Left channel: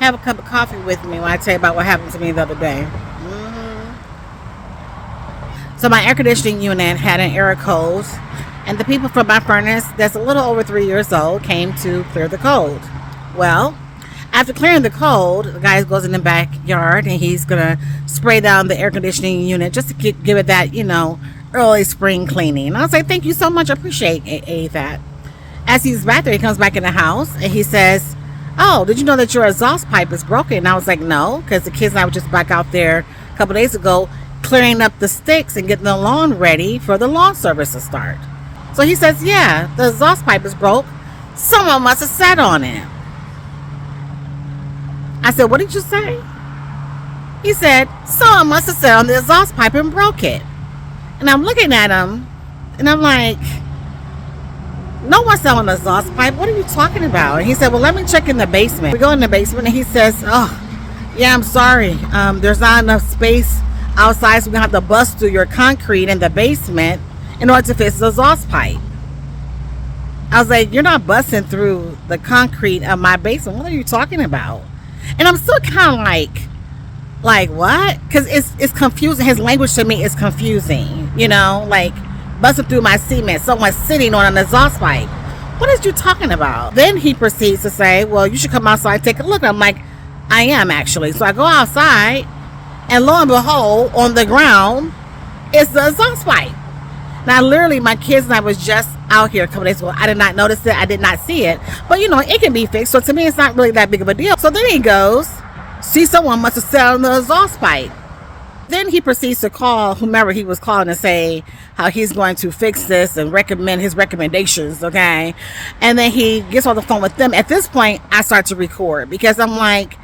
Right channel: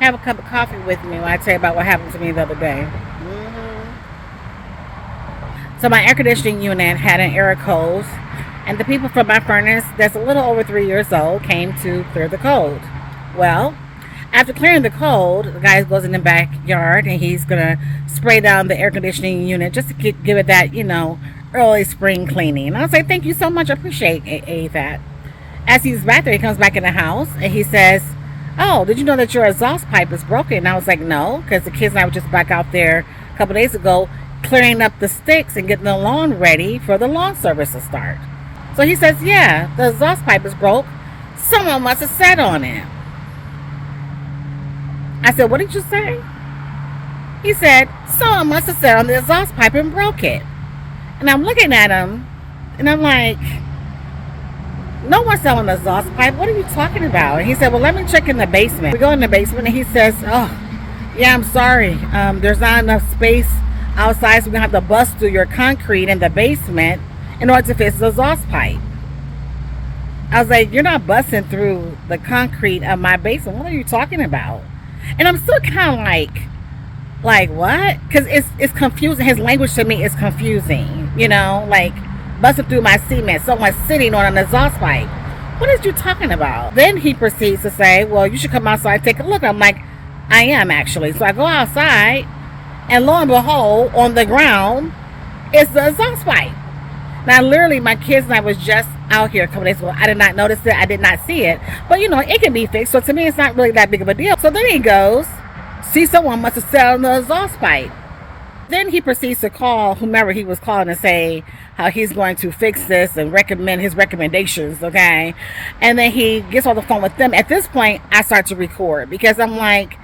have a cup of coffee with me when I tell you about what happened to me the other day. So my air conditioning unit had an error code, and the people from my furnace that's a little over 3 years old came to clear the code. Well, after clearing the code, the guy goes in the backyard and he's gonna spray down the air conditioning unit just to give it that, early spring cleaning. And I was like, thank you so much, I appreciate that. As he's back there, he comes back in the house and he says, oh, did you know that your exhaust pipe is broken? And I was like, no, because the kids and I were just back out there a couple days ago clearing up the sticks and getting the lawn ready for the lawn service to start. So he says, yeah, the exhaust pipe is broke. Someone must have sat on it. I said, what did you say? He said, someone must have sat on the exhaust pipe and broke it. And I'm looking at him and I'm like, no one sat on the exhaust pipe. What are you talking about? And he said, well, let me check in the basement. We go in the basement and he says, oh, yeah, I'm sorry. There's not enough space outside, so we're going to have to bust through your concrete in the basement in order to fix the exhaust pipe. I was like, you're not busting through the concrete of my basement. What are you talking about? And I'm still kind of like what? Because it's confusing. His language to me is confusing. Like busting through my cement. Someone sitting on an exhaust pipe. What is you talking about? Then he proceeds to say, well, you should come outside and take a look. I'm like, I am actually. So I go outside. And lo and behold, on the ground is the exhaust pipe. Now, literally, my kids and I was just out here a couple days ago. I did not notice it. I did not see it. But, it can be fixed. So, to me, it's not really that big of a deal. So, then he goes, see, someone must have sat on the exhaust pipe. Then he proceeds to call whomever he was calling and say how he's going to fix this and recommend his recommendations, okay? And then he gets on the phone with them. At this point, I start to record because I'm like,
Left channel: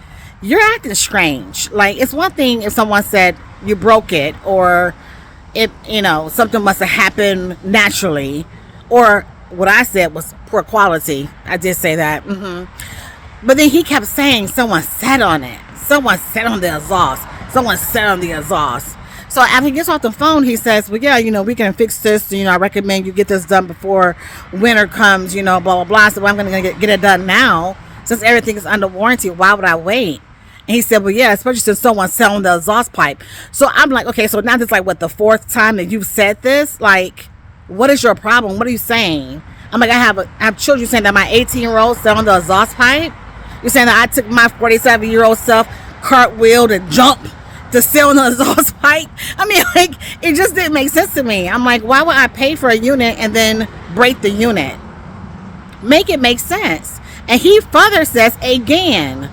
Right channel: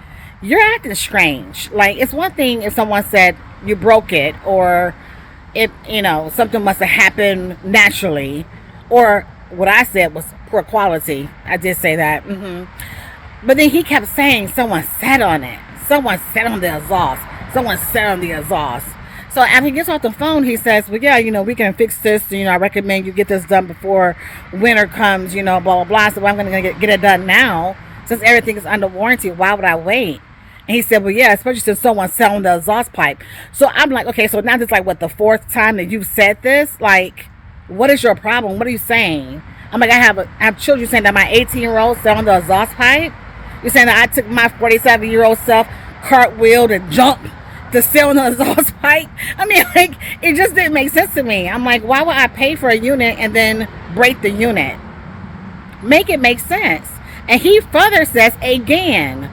you're acting strange. Like, it's one thing if someone said you broke it or something must have happened naturally, or what I said was poor quality. I did say that. But then he kept saying someone sat on it. Someone sat on the exhaust. Someone sat on the exhaust. So after he gets off the phone, he says, well, yeah, we can fix this. I recommend you get this done before winter comes, blah, blah, blah. So I'm going to get it done now. Since everything is under warranty, why would I wait? And he said, well, yeah, especially since someone's selling the exhaust pipe. So I'm like, okay, so now this is like, what, the fourth time that you've said this? Like, what is your problem? What are you saying? I'm like, I have children. You're saying that my 18-year-old selling the exhaust pipe? You're saying that I took my 47-year-old self, cartwheeled and jumped to sell the exhaust pipe? I mean, like, it just didn't make sense to me. I'm like, why would I pay for a unit and then break the unit? Make it make sense. And he further says, again,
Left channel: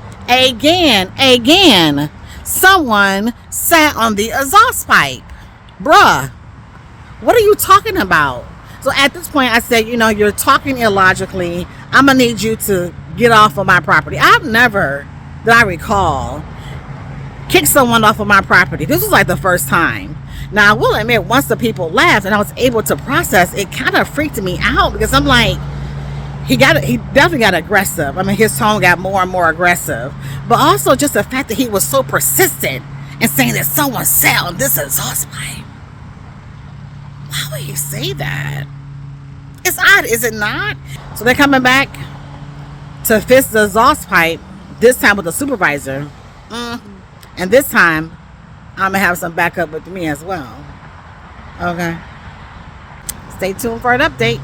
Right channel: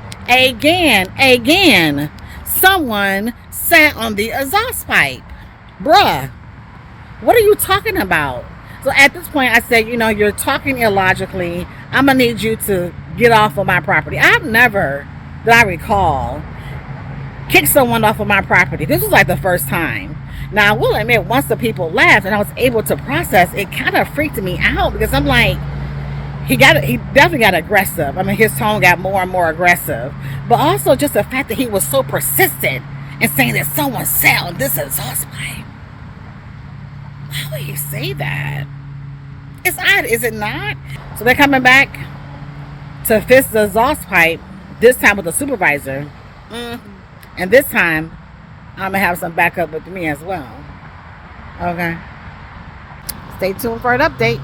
someone sat on the exhaust pipe. Bruh, what are you talking about? So at this point, I said, you're talking illogically. I'm going to need you to get off of my property. I've never, that I recall, kicked someone off of my property. This was like the first time. Now, I will admit, once the people left and I was able to process, it kind of freaked me out because I'm like, he definitely got aggressive. I mean, his tone got more and more aggressive. But also just the fact that he was so persistent in saying that someone sat on this exhaust pipe. Why would he say that? It's odd, is it not? So they're coming back to fix the exhaust pipe, this time with the supervisor. And this time, I'm going to have some backup with me as well. Okay. Stay tuned for an update.